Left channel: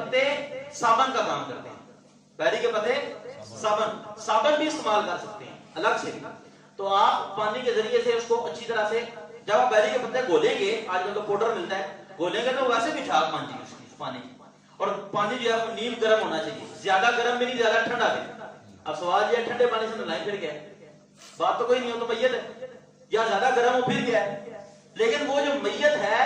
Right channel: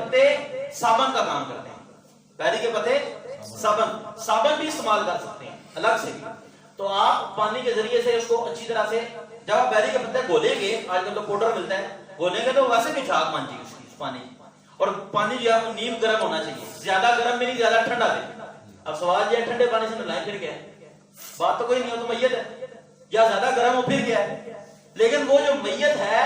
پتے صابن کا کام کرتے ہیں، بیری کے پتے صابن بھی استعمال کر سکتے ہیں الگ سے بھی. تو آپ پانی کے ذریعے سے اس کو اچھی طرح سے، جب آپ بیری کے پتے گھولیں گے، آج کل تو پاؤڈر ملتا ہے، گھولیں گے تو ویسے بھی چاک بن جائے گی اس کی پانی کی. اور پانی جو ہے وہ نیم گرم ہونا چاہیے، زیادہ گرم بھی نہیں زیادہ ٹھنڈا بھی. اب سوال یہ ہے ٹھنڈے پانی سے نہلائیں پھر کیا ہے؟ بات تو کوئی نہیں ہو تو میت ہے، یا زیادہ گرم ہو پھر کیا ہے؟ لیکن وہ جو میت ہے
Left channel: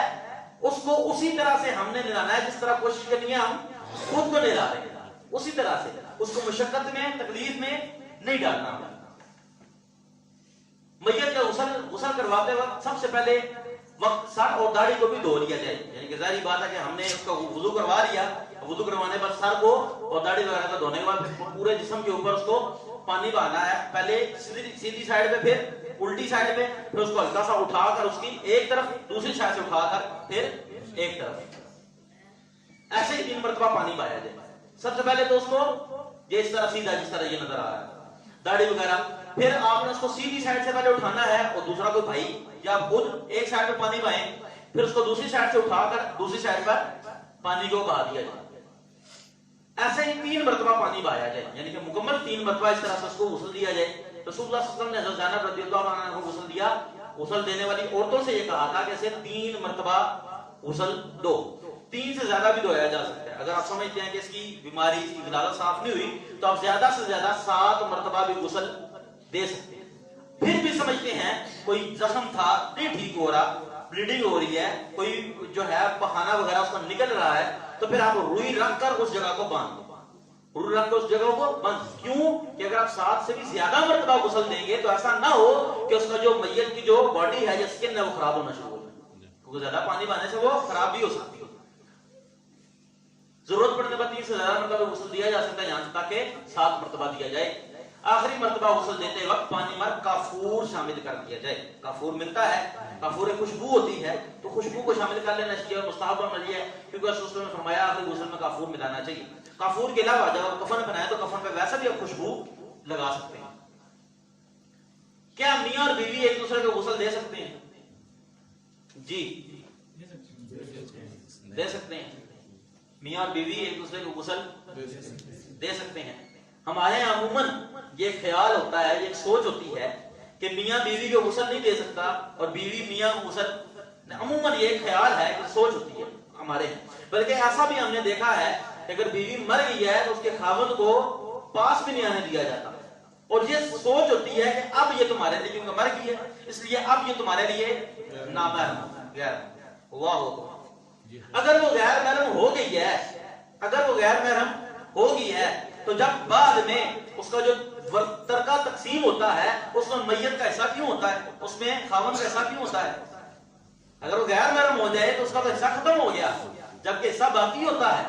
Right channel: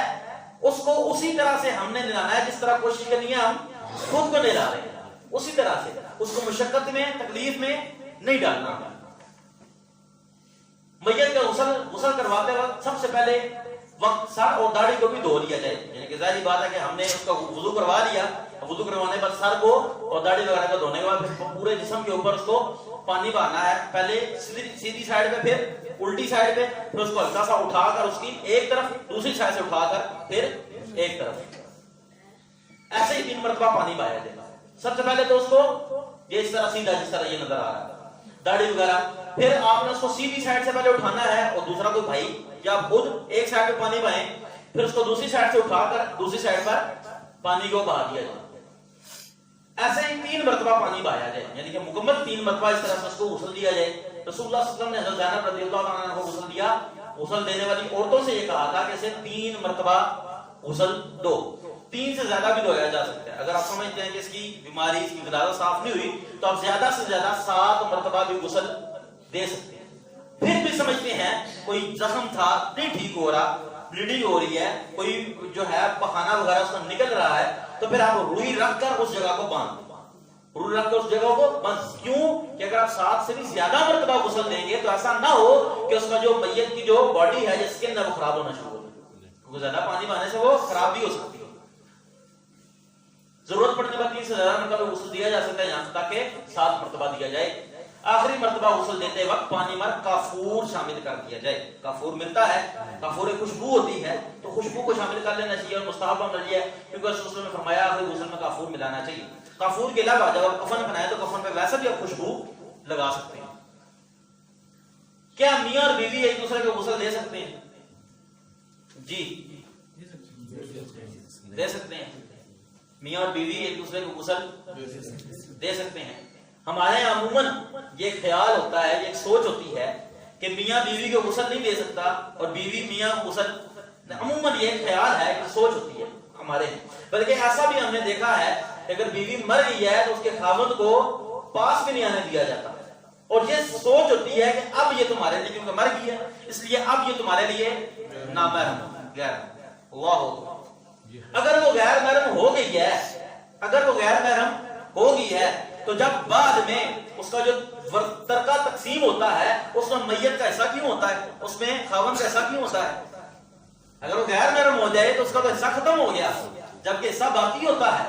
اس کو اسی طرح سے ہم نے نہلانا ہے جس طرح کوشش کرنی ہے ہم خود کو نہلا رہے ہیں، اسی طرح سے. اس کو مشقت میں تکلیف میں نہیں ڈالنا. میت کا غسل کرواتے وقت سب سے پہلے وقت سر اور داڑھی کو بھی دھو لیا جائے. یعنی کہ ظاہری بات ہے کہ ہم نے اس کا وضو کروا لیا، وضو کروانے پر سر کو اور داڑھی وغیرہ کو دھونے کے بعد پھر پورے جسم کے اوپر اس کو پانی بہانا ہے. پہلے سیدھی سائیڈ پہ، پھر الٹی سائیڈ پہ، پھر اس کو ہلکا سا اٹھا کر اس کی ایک طرف، دوسری سائیڈ سے اٹھا کر پھر ایک طرف، ایسے ہی 3 مرتبہ پانی بہایا جائے. سب سے پہلے تو اس کو یہ اس طرح سیدھا جس طرح یہ نظر آ رہا ہے داڑھی وغیرہ، پھر آپ نے اس کو سیدھی سائیڈ سے پہلے اٹھانا ہے اور دوسرا کوئی بھائی یا خود ایک سائیڈ پہ پانی بہائیں، پھر اس کو دوسری سائیڈ سے اٹھا کر دوسری سائیڈ پر پانی کو بہا دیا جائے. ایسے ہی 3 مرتبہ پانی بہایا جائے، یعنی کہ مکمل 3 مرتبہ اس طرح سے اس کو غسل دیا جائے. رسول اللہ صلی اللہ علیہ وسلم نے حضرت زینب رضی اللہ عنہا کو غسل دیا. غسل دینے والی عورتوں سے یہ کہا تھا کہ اسے 3 مرتبہ غسل دو. 3 سے زیادہ بھی دھویا جا سکتا ہے. اگر آپ سمجھتے ہیں کہ اس کی بیماری، اس کی غدازت صاف نہیں ہوئی تو آپ زیادہ سے زیادہ 7 مرتبہ بھی غسل دے سکتے ہیں. پھر بھی سمجھتے ہیں کوئی زخم تھا نہیں ٹھیک ہو رہا، بلیڈنگ ہو رہی ہے، کوئی جو ہے پخانہ وغیرہ اس کا نکل رہا ہے، تو پھر آپ روئی رکھ کر اس جگہ کو باندھ دیں. روئی رکھ کر اس جگہ کو باندھ. کیوں کہ اگر آپ 7 سے بھی زیادہ مرتبہ غسل دیں گے تو ایسا نہ ہو کہ اس کا جو میت کی جو باڈی ہے یا سکن ہے وہ خراب ہونا شروع ہو جائے، کیونکہ زیادہ پانی بہانے سے وہ خراب بھی ہو سکتی ہے. ضرورت پڑنے پر 3 سے زیادہ مرتبہ غسل دیا جا سکتا ہے، یہاں تک کہ 7 مرتبہ دیا جائے. آخری مرتبہ غسل دیتے وقت پانی میں کافور شامل کر دیا جائے. کافور ملتا ہے، کافور ایک خوشبو ہوتی ہے، تو خوشبو کو شامل کر لینا چاہیے. اور مستحب عمل یہ ہے کیونکہ رسول اللہ نے فرمایا آخری غسل میں کافور ملانا چاہیے. کافور کے علاوہ جب آپ کفن بنائے تو کفن پہ ویسے بھی آپ خوشبو لگا سکتے ہیں. کیا میاں اور بیوی ایک دوسرے کو غسل دے سکتے ہیں؟ جی دے سکتے ہیں. میاں اور بیوی ایک دوسرے کو غسل دے سکتے ہیں. ہمارے یہاں عموماً یہ خیال ہوتا ہے، یہ سوچ ہوتی ہے کہ میاں بیوی کو غسل نہیں دے سکتا اور بیوی میاں کو غسل، عموماً یہ خیال ہے کہ سوچ ہوتی ہے ہمارے. بلکہ ایسا بھی ہم نے دیکھا ہے کہ اگر بیوی مر گئی ہے تو اس کے خاوند کو پاس بھی نہیں آنے دیا جاتا، اور یہ سوچ ہوتی ہے کہ اب یہ تمہارے لیے، کیونکہ مر گئی ہے اس لیے اب یہ تمہارے لیے نامحرم غیر. اللہ اگر وہ غیر محرم ہو گئی ہے، اگر وہ غیر محرم ہو گئی ہے تو جب بعد میں اس کا جو ترکہ تقسیم ہوتا ہے اس میں میت کا حصہ کیوں ہوتا ہے، اس میں خاوند کا حصہ کیوں ہوتا ہے؟ اگر وہ غیر محرم ہو جائے تو اس کا تو حصہ ختم ہو گیا، جبکہ حصہ باقی ہوتا ہے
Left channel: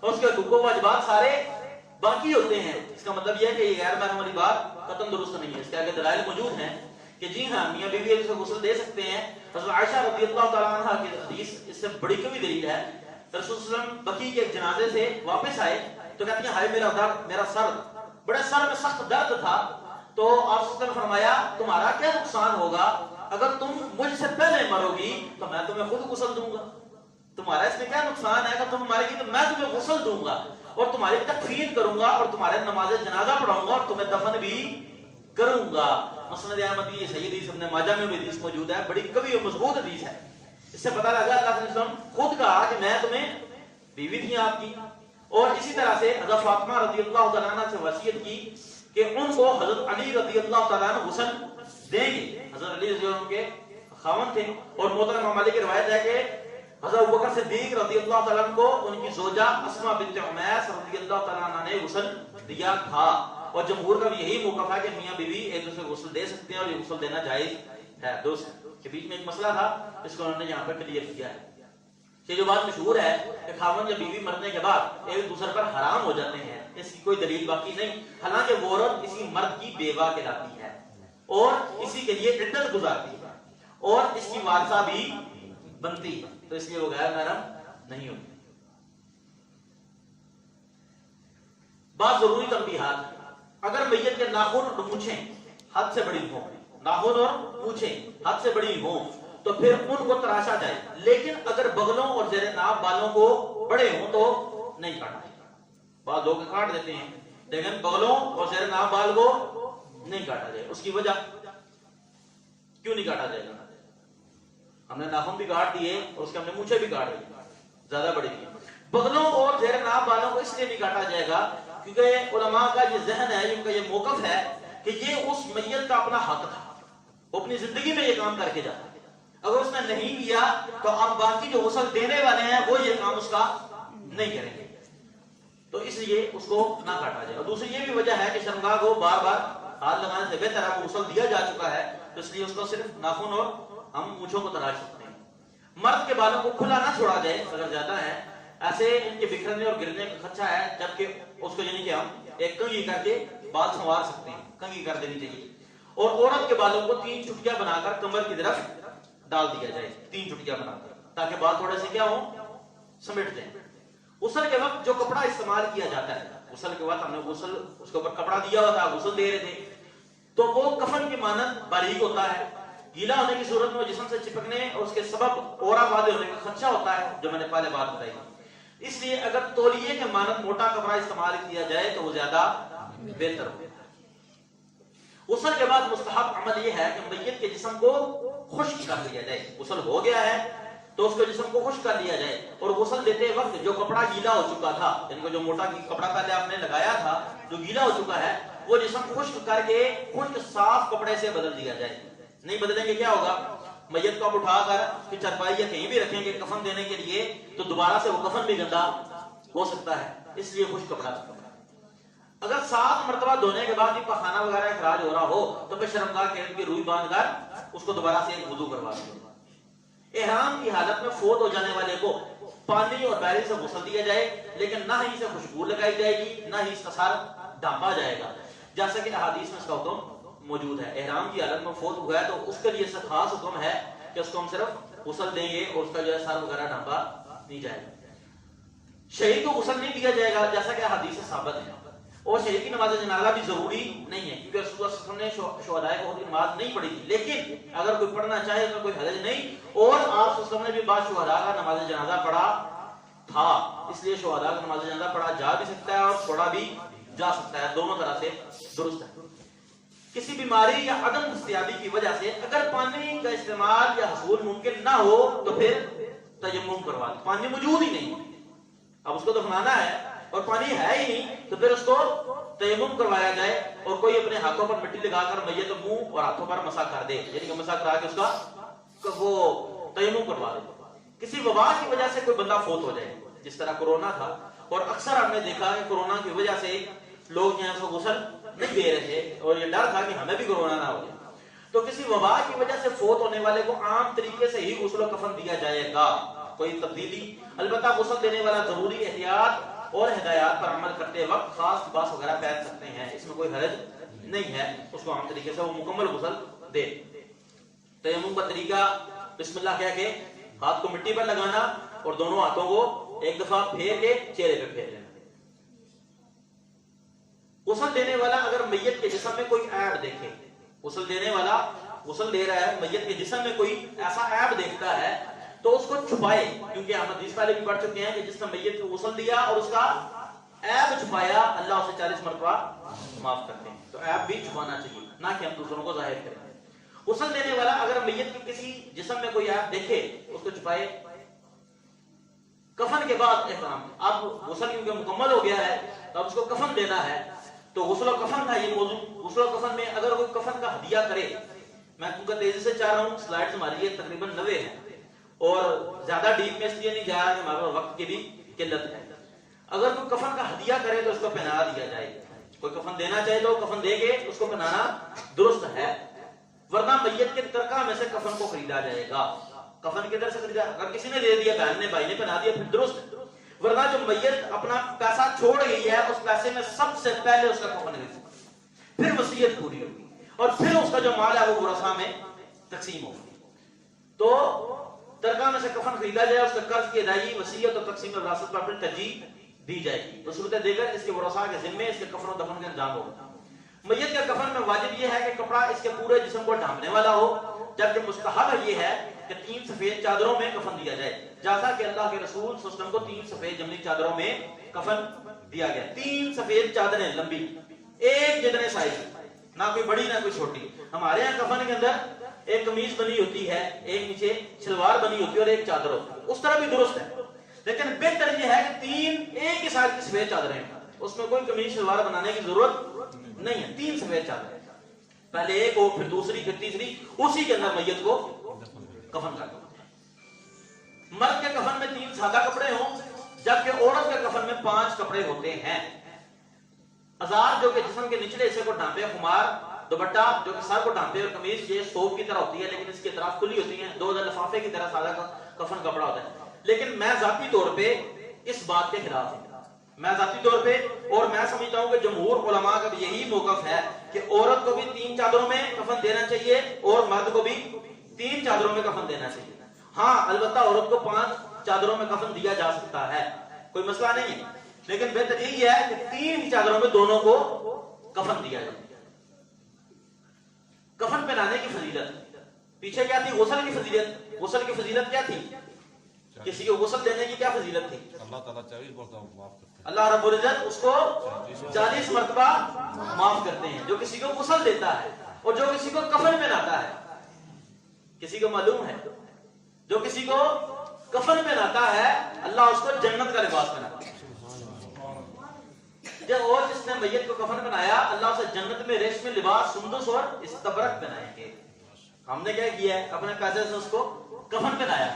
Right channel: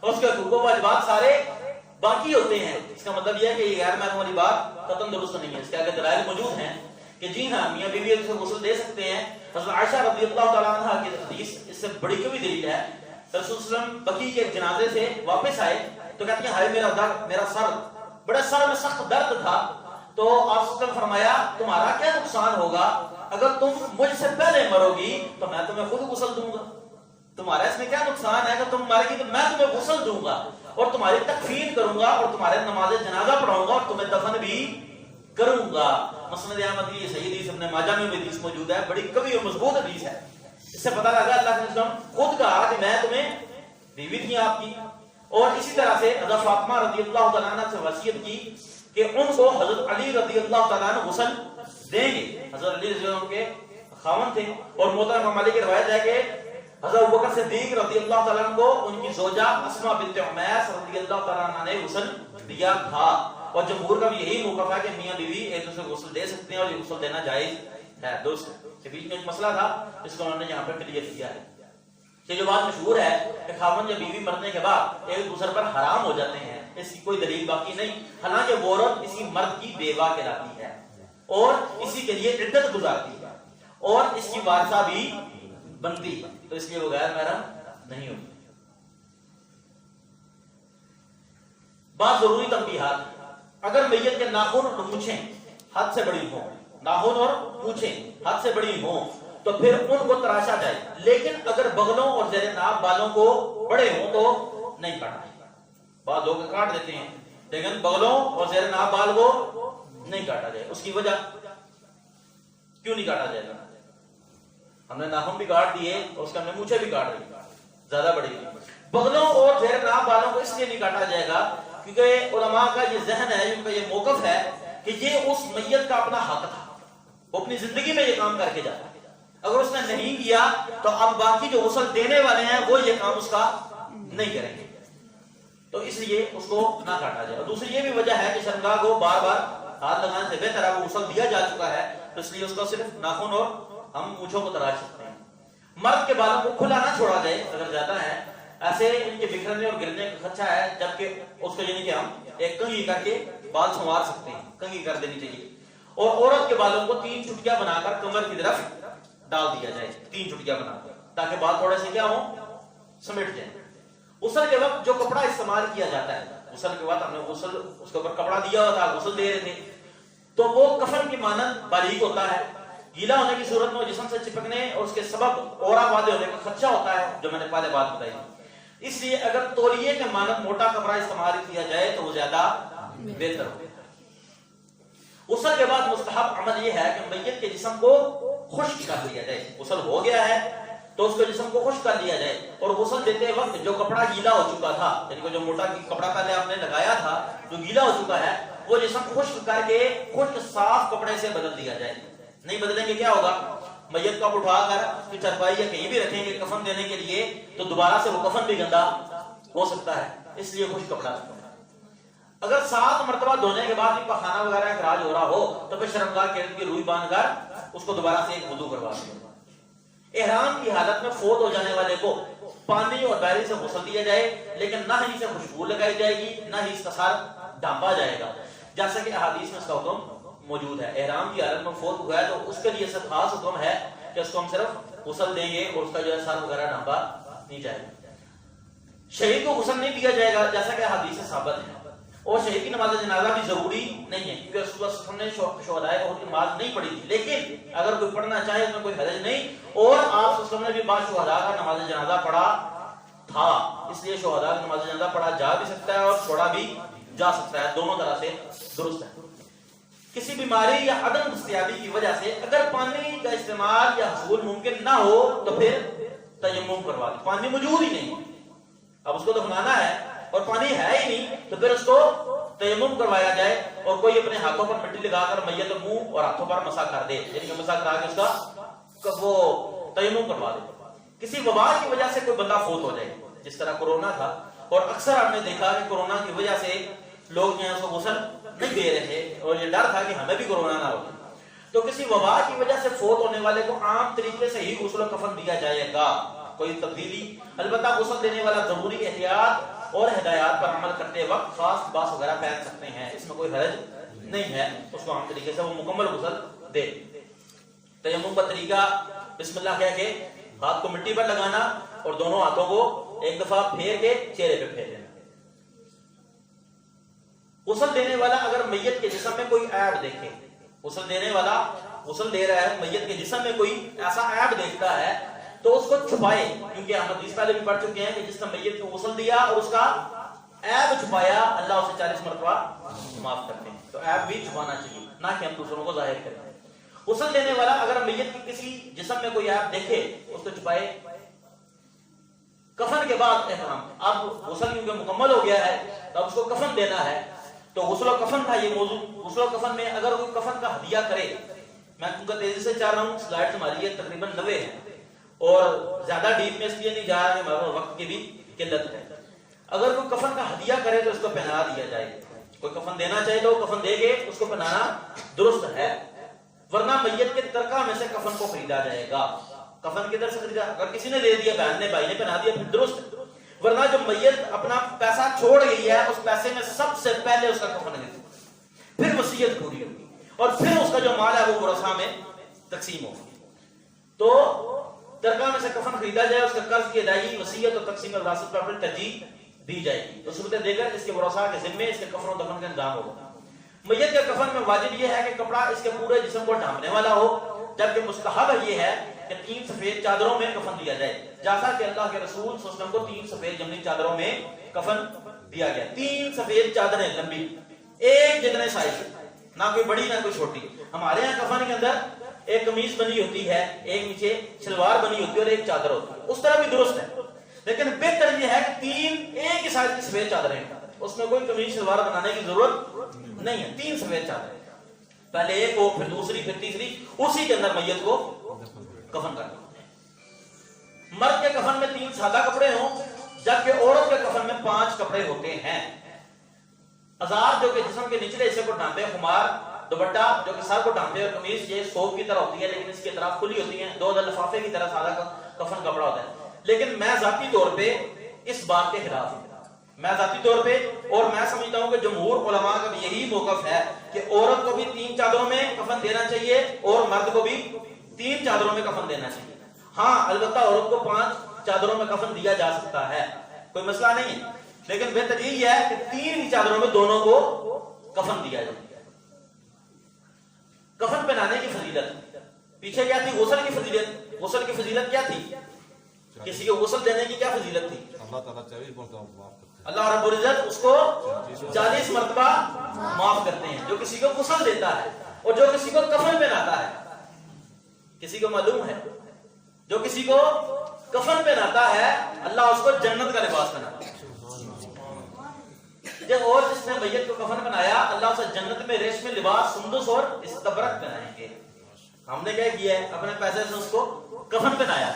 اور اس کے حقوق و واجبات سارے باقی ہوتے ہیں. اس کا مطلب یہ ہے کہ یہ غیر محرم والی بات قطعاً درست نہیں ہے. اس کے آگے دلائل موجود ہیں کہ جی ہاں میاں بیوی ایک دوسرے کو غسل دے سکتے ہیں. حضرت عائشہ رضی اللہ تعالیٰ عنہ کی حدیث اس سے بڑی کبھی دلیل ہے. رسول صلی اللہ علیہ وسلم بقیع کے جنازے سے واپس آئے تو کہتی ہیں ہائے میرا سر، بڑے سر میں سخت درد تھا. تو آپ صلی اللہ علیہ وسلم فرمایا تمہارا کیا نقصان ہوگا، اگر تم مجھ سے پہلے مرو گی تو میں تمہیں خود غسل دوں گا. تمہارا اس میں کیا نقصان ہے کہ تم مارے گی تو میں تمہیں غسل دوں گا اور تمہاری تکفین کروں گا اور تمہارے نماز جنازہ پڑھاؤں گا اور تمہیں دفن بھی کروں گا. مسند احمد کی یہ صحیح حدیث ابن ماجہ میں بھی حدیث موجود ہے، بڑی قوی اور مضبوط حدیث ہے. اس سے پتہ لگا اللہ کے رسول خود کہا کہ میں تمہیں بیوی تھی آپ کی. اور اسی طرح سے حضرت فاطمہ رضی اللہ تعالیٰ عنہ سے وصیت کی کہ ان کو حضرت علی رضی اللہ تعالیٰ عنہ غسل دیں گے. حضرت علی رضی اللہ عنہ کے خاوند تھے اور محترم امام مالک کی روایت ہے کہ حضرت ابوبکر صدیق رضی اللہ تعالیٰ عنہ کو ان کی زوجہ اسماء بنت عمیس رضی اللہ تعالیٰ عنہ نے غسل دیا تھا. اور جمہور کا بھی یہی موقف ہے کہ میاں بیوی ایک دوسرے کو غسل دے سکتے ہیں اور یہ غسل دینا جائز ہے. دوست کے بیچ میں ایک مسئلہ تھا جس کو انہوں نے یہاں پہ کلیئر کیا ہے. یہ جو بات مشہور ہے کہ خاوند یا بیوی مرنے کے بعد ایک دوسرے پر حرام ہو جاتے ہیں، اس کی کوئی دلیل باقی نہیں. حالانکہ وہ عورت اسی مرد کی بیوہ کہلاتی ہے اور اسی کے لیے عدت گزارتی ہے اور اس کی وارثہ بھی بنتی ہے، تو اس لیے وہ غیر محرم نہیں ہوتی. بات ضروری تنبیہات، اگر میت کے ناخن اور مونچھیں حد سے بڑی ہوں، ناخن اور مونچھیں حد سے بڑی ہوں تو پھر ان کو تراشا جائے، لیکن اگر بغلوں اور زیر ناف بالوں کو بڑے ہوں تو نہیں کاٹنا. بعض لوگ کاٹ دیتے ہیں، لیکن بغلوں اور زیر ناف بال کو نہیں کاٹا جائے. اس کی وجہ کیوں نہیں کاٹا جائے گا؟ ہم نے ناخن بھی کاٹ دیے اور اس کے ہم نے مونچھیں بھی کاٹ دی زیادہ بڑی. بغلوں اور زیر ناف بالوں کو اس لیے نہیں کاٹا جائے گا کیونکہ علماء کا یہ ذہن ہے، ان کا یہ موقف ہے کہ یہ اس میت کا اپنا حق تھا، وہ اپنی زندگی میں یہ کام کر کے جاتا. اگر اس نے نہیں کیا تو اب باقی جو غسل دینے والے ہیں وہ یہ کام اس کا نہیں کریں گے، تو اس لیے اس کو نہ کاٹا جائے. اور دوسری یہ بھی وجہ ہے کہ شرمگاہ کو بار بار ہاتھ لگانے سے بہتر ہے، غسل دیا جا چکا ہے، اس لیے اس کو صرف ناخن اور ہم مونچھوں کو تراش سکتے ہیں. مرد کے بالوں کو کھلا نہ چھوڑا جائے اگر زیادہ ہے، ایسے ان کے بکھرنے اور گرنے کا خدشہ ہے، جبکہ اس کو یعنی کہ ہم ایک کنگھی کر کے بال سنوار سکتے ہیں، کنگھی کر دینی چاہیے. اور عورت کے بالوں کو 3 چٹکیاں بنا کر کمر کی طرف ڈال دیا جائے، 3 چٹکیاں بنا کر، تاکہ بال تھوڑے سے کیا ہوں، سمٹ جائیں. غسل کے وقت جو کپڑا استعمال کیا جاتا ہے، غسل کے بعد ہم نے غسل اس کے اوپر کپڑا دیا ہوا تھا، غسل دے رہے تھے، تو وہ کفن کی مانند باریک ہوتا ہے. گیلا ہونے کی صورت میں جسم سے چپکنے اور اس کے سبب اورا پادے ہونے کا خدشہ ہوتا ہے، جو میں نے پہلے بات بتائی. اس لیے اگر تولیے کے مانند موٹا کپڑا استعمال کیا جائے تو وہ زیادہ بہتر ہوگا. غسل کے بعد مستحب عمل یہ ہے کہ میت کے جسم کو خشک کر لیا جائے. غسل ہو گیا ہے تو اس کے جسم کو خشک کر لیا جائے، اور غسل دیتے وقت جو کپڑا گیلا ہو چکا تھا، یعنی جو موٹا کپڑا پہلے آپ نے لگایا تھا جو گیلا ہو چکا ہے، وہ جسم خشک کر کے خشک صاف کپڑے سے بدل دیا جائے. نہیں بدلیں گے کیا ہوگا؟ میت کو اٹھا کر چرپائی یا کہیں بھی رکھیں گے کفن دینے کے لیے تو دوبارہ سے وہ کفن بھی گندا ہو سکتا ہے، اس لیے خشک کپڑا. اگر 7 مرتبہ دھونے کے بعد بھی پخانہ وغیرہ اخراج ہو رہا ہو تو پھر شرمگاہ کے ارد گرد روئی باندھ کر اس کو دوبارہ سے ایک وضو کروا دیں. احرام کی حالت میں فوت ہو جانے والے کو پانی اور بیری سے غسل دیا جائے، لیکن نہ ہی اسے خوشبو لگائی جائے گی، نہ ہی اس کا سر ڈھانپا جائے گا، جیسا کہ احادیث میں اس کا حکم موجود ہے. احرام کی حالت میں فوت ہوا ہے تو اس کے لیے صرف خاص حکم ہے کہ اس کو ہم صرف غسل دیں گے اور اس کا جو ہے سر وغیرہ ڈھانپا نہیں جائے گا. شہید کو غسل نہیں دیا جائے گا جیسا کہ حدیث سے ثابت ہے، اور شہید کی نماز جنازہ بھی ضروری نہیں ہے کیونکہ رسول اللہ صلی اللہ علیہ وسلم نے شہداء کو نماز نہیں پڑھی تھی. لیکن اگر کوئی پڑھنا چاہے تو کوئی حرج نہیں، اور آپ صلی اللہ علیہ وسلم نے بھی بعض شہداء کا نماز جنازہ پڑھا تھا، اس لیے شہداء کی نماز جنازہ پڑھا جا بھی سکتا ہے اور چھوڑا بھی جا سکتا ہے، دونوں طرح سے درست ہے. کسی بیماری یا عدم دستیابی کی وجہ سے اگر پانی کا استعمال یا حصول ممکن نہ ہو تو پھر تیمم کروا دیں. پانی موجود ہی نہیں، اب اس کو دفنانا ہے اور پانی ہے ہی نہیں تو پھر اس کو تیمم کروایا جائے، اور کوئی اپنے ہاتھوں پر مٹی لگا کر میت منہ اور ہاتھوں پر مسح کر دے، یعنی کہ مسح کرا کے اس کا وہ تیمم کروا دے. کسی وبا کی وجہ سے کوئی بندہ فوت ہو جائے جس طرح کورونا تھا، اور اکثر ہم نے دیکھا کہ کورونا کی وجہ سے لوگ جو ہیں اس کو غسل نہیں دے رہے تھے اور یہ ڈر تھا کہ ہمیں بھی کورونا نہ ہو جائے، تو کسی وبا کی وجہ سے فوت ہونے والے کو عام طریقے سے ہی غسل و کفن دیا جائے گا، کوئی تبدیلی. البتہ غسل دینے والا ضروری احتیاط اور ہدایات پر عمل کرتے وقت خاص لباس وغیرہ پہن سکتے ہیں، اس میں کوئی حرج نہیں ہے، اس کو عام طریقے سے وہ مکمل غسل دے. تیمم کا طریقہ بسم اللہ کہہ کے ہاتھ کو مٹی پر لگانا اور دونوں ہاتھوں کو ایک دفعہ پھیر کے چہرے پہ پھیر دینا. غسل دینے والا اگر میت کے جسم میں کوئی عیب دیکھے، غسل دینے والا غسل دے رہا ہے میت کے جسم میں کوئی ایسا عیب دیکھتا ہے تو اس کو چھپائے، کیونکہ ہم حدیث پہلے بھی پڑھ چکے ہیں کہ جس نے میت کو غسل دیا اور اس کا عیب چھپایا اللہ اسے 40 مرتبہ معاف کرتے ہیں. تو عیب بھی چھپانا چاہیے، نہ کہ ہم دوسروں کو ظاہر کریں. غسل دینے والا اگر میت کی کسی جسم میں کوئی عیب دیکھے اس کو چھپائے. کفن کے بعد احرام، اب غسل کیونکہ مکمل ہو گیا ہے تو اب اس کو کفن دینا ہے، تو غسل و کفن تھا یہ موضوع. غسل و کفن میں اگر کوئی کفن کا ہدیہ کرے، میں کیونکہ تیزی سے چاہ رہا ہوں، سلائڈز ہماری یہ تقریباً 90 ہیں اور زیادہ ڈیپ میں اس لیے نہیں جا رہا ہے ہمارے وقت کی بھی قلت ہے. اگر کوئی کفن کا ہدیہ کرے تو اس کو پہنا دیا جائے. کوئی کفن دینا چاہے تو کفن دے کے اس کو پہنانا درست ہے، ورنہ میت کے ترکہ میں سے کفن کو خریدا جائے گا. کفن کدھر سے خریدا؟ اگر کسی نے دے دیا، بہن نے بھائی نے پہنا دیا، پھر درست ہے. ورنہ جو میت اپنا پیسہ چھوڑ گئی ہے اس پیسے میں سب سے پہلے اس کا کفن خریدنا، پھر وصیت پوری ہوگی اور پھر اس کا جو مال ہے وہ ورثاء میں تقسیم ہوگی. تو ترکہ میں سے کفن خریدا جائے، اس کا قرض کی ادائیگی وصیت اور تقسیم وراثت پر اپنی ترجیح دی جائے گی. تو صورتیں دے کر اس کے ورثاء کے ذمے اس کے کفن و دفن کا انجام ہوگا. میت کے کفن میں واجب یہ ہے کہ کپڑا اس کے پورے جسم کو ڈھانپنے والا ہو، جبکہ مستحب یہ ہے کہ 3 سفید چادروں میں کفن دیا جائے، جیسا کہ اللہ کے رسول صلی اللہ علیہ وسلم کو 3 سفید جمنی چادروں میں کفن دیا گیا, 3 سفید چادریں لمبی, ایک جتنے سائز, نہ کوئی بڑی نہ کوئی چھوٹی. ہمارے یہاں کفن کے اندر ایک قمیص بنی ہوتی ہے, ایک نیچے شلوار بنی ہوتی ہے اور ایک چادر ہوتی ہے, اس طرح بھی درست ہے, لیکن بہتر یہ ہے کہ 3 ایک ہی سائز کی سفید چادریں, اس میں کوئی قمیص شلوار بنانے کی ضرورت نہیں ہے, 3 سفید چادریں, پہلے ایک ہو پھر دوسری پھر تیسری, اسی کے اندر میت کو کفن کرنا. مرد کے کفن میں 3 سادہ کپڑے ہوں, جبکہ عورت کے کفن میں 5 کپڑے ہوتے ہیں. ازار جو کہ جسم کے نچلے حصے کو ڈھانپے, خمار دوپٹہ جو کہ سر کو ڈھانپے, اور قمیص یہ صوف کی طرح ہوتی ہے لیکن اس کی اطراف کھلی ہوتی ہیں, 2 لفافے کی طرح سادہ کفن کپڑا ہوتا ہے. لیکن میں ذاتی طور پہ اس بات کے خلاف ہوں, میں ذاتی طور پہ, اور میں سمجھتا ہوں کہ جمہور علماء کا یہی موقف ہے کہ عورت کو بھی 3 چادروں میں کفن دینا چاہیے اور مرد کو بھی 3 چادروں میں کفن دینا چاہیے. ہاں البتہ عورت کو 5 چادروں میں کفن دیا جا سکتا ہے, کوئی مسئلہ نہیں ہے, لیکن بہتر یہی ہے کہ 3 ہی چادروں میں دونوں کو کفن دیا جائے. کفن پہنانے کی فضیلت پیچھے کیا تھی؟ غسل کی فضیلت. غسل کی فضیلت کیا تھی؟ کسی کو غسل دینے کی کیا فضیلت تھی؟ اللہ تعالیٰ 40 مرتبہ معاف کرتے ہیں, اللہ رب العزت اس کو 40 مرتبہ معاف کرتے ہیں جو کسی کو غسل دیتا ہے, اور جو کسی کو کفن پہناتا ہے. کسی کو معلوم ہے جو کسی کو کفن پہناتا ہے اللہ اس کو جنت کا لباس پہناتا ہے. اور جس نے میت کو کفن پہنایا اللہ اسے جنت میں ریشمی لباس سندس اور استبرق پہنائیں گے. ہم نے کیا کیا ہے؟ اپنے پیسے سے اس کو کفن پہنایا.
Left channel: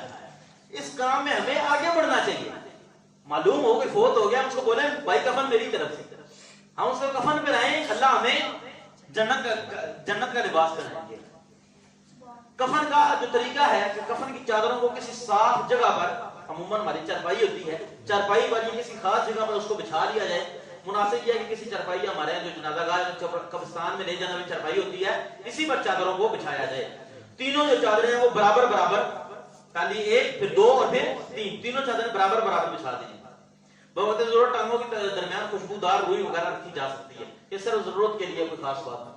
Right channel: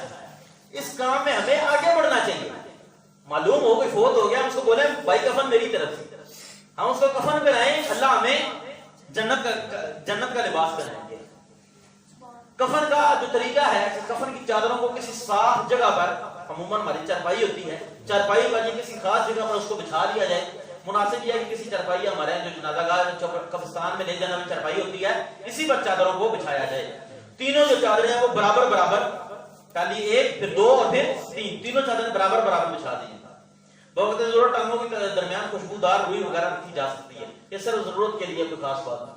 اس کام میں ہمیں آگے بڑھنا چاہیے. معلوم ہو کہ فوت ہو گیا, ہم اس کو بولیں بھائی کفن میری طرف سے, ہم اس کو کفن پہنائیں, اللہ ہمیں جنت کا لباس پہنائیں گے. کفن کا جو طریقہ ہے, کفن کی چادروں کو کسی صاف جگہ پر, عموماً ہماری چارپائی ہوتی ہے, چارپائی پر کسی خاص جگہ پر اس کو بچھا دیا جائے. مناسب یہ ہے کہ کسی چارپائی ہمارے یہاں جو جنازہ گاہ قبرستان میں لے جانے والی چارپائی ہوتی ہے, اسی پر چادروں کو بچھایا جائے. تینوں جو چادریں ہیں وہ برابر برابر, پہلی 1 پھر 2 اور پھر 3, تینوں چادریں برابر برابر بچھا دی جائیں. بوقت ضرورت ٹانگوں کے درمیان خوشبودار روئی وغیرہ رکھی جا سکتی ہے, یہ صرف ضرورت کے لیے, کوئی خاص بات نہیں.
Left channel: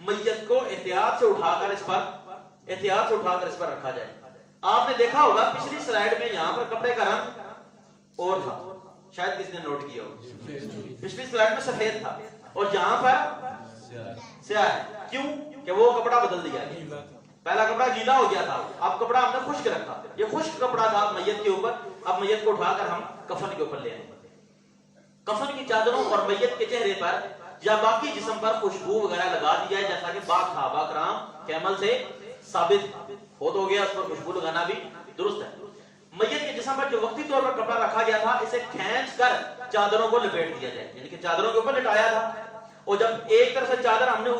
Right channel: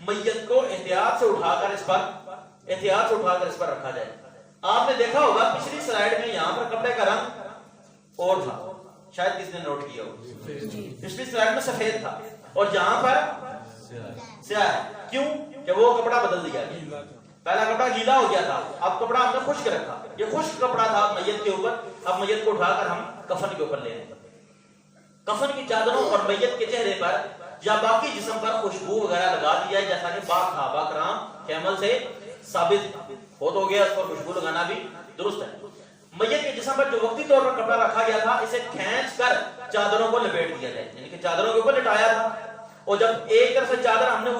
میت کو احتیاط سے اٹھا کر اس پر رکھا جائے. آپ نے دیکھا ہوگا پچھلی سلائیڈ میں یہاں پر کپڑے کا رنگ اور تھا, شاید کسی نے نوٹ کیا ہو, پچھلی سلائیڈ میں سفید تھا اور جہاں پر سیاہ ہے. کیوں کہ وہ کپڑا بدل دیا ہے, پہلا کپڑا گیلا ہو گیا تھا, اب کپڑا ہم نے خشک رکھا, یہ خشک کپڑا تھا میت کے اوپر, اب میت کو اٹھا کر ہم کفن کے اوپر لے رہے ہیں. کفن کی چادروں اور میت کے چہرے پر یا باقی جسم پر خوشبو وغیرہ لگا دی جائے, جیسا کہ پاک صحابہ کرام کے عمل سے ثابت ہو گیا, اس پر خوشبو لگانا بھی درست ہے. میت کے جسم پر جو وقتی طور پر کپڑا رکھا گیا تھا اسے کھینچ کر چادروں کو لپیٹ دیا جائے, یعنی کہ چادروں کے اوپر لٹایا تھا, اور جب ایک طرف سے چادر ہم نے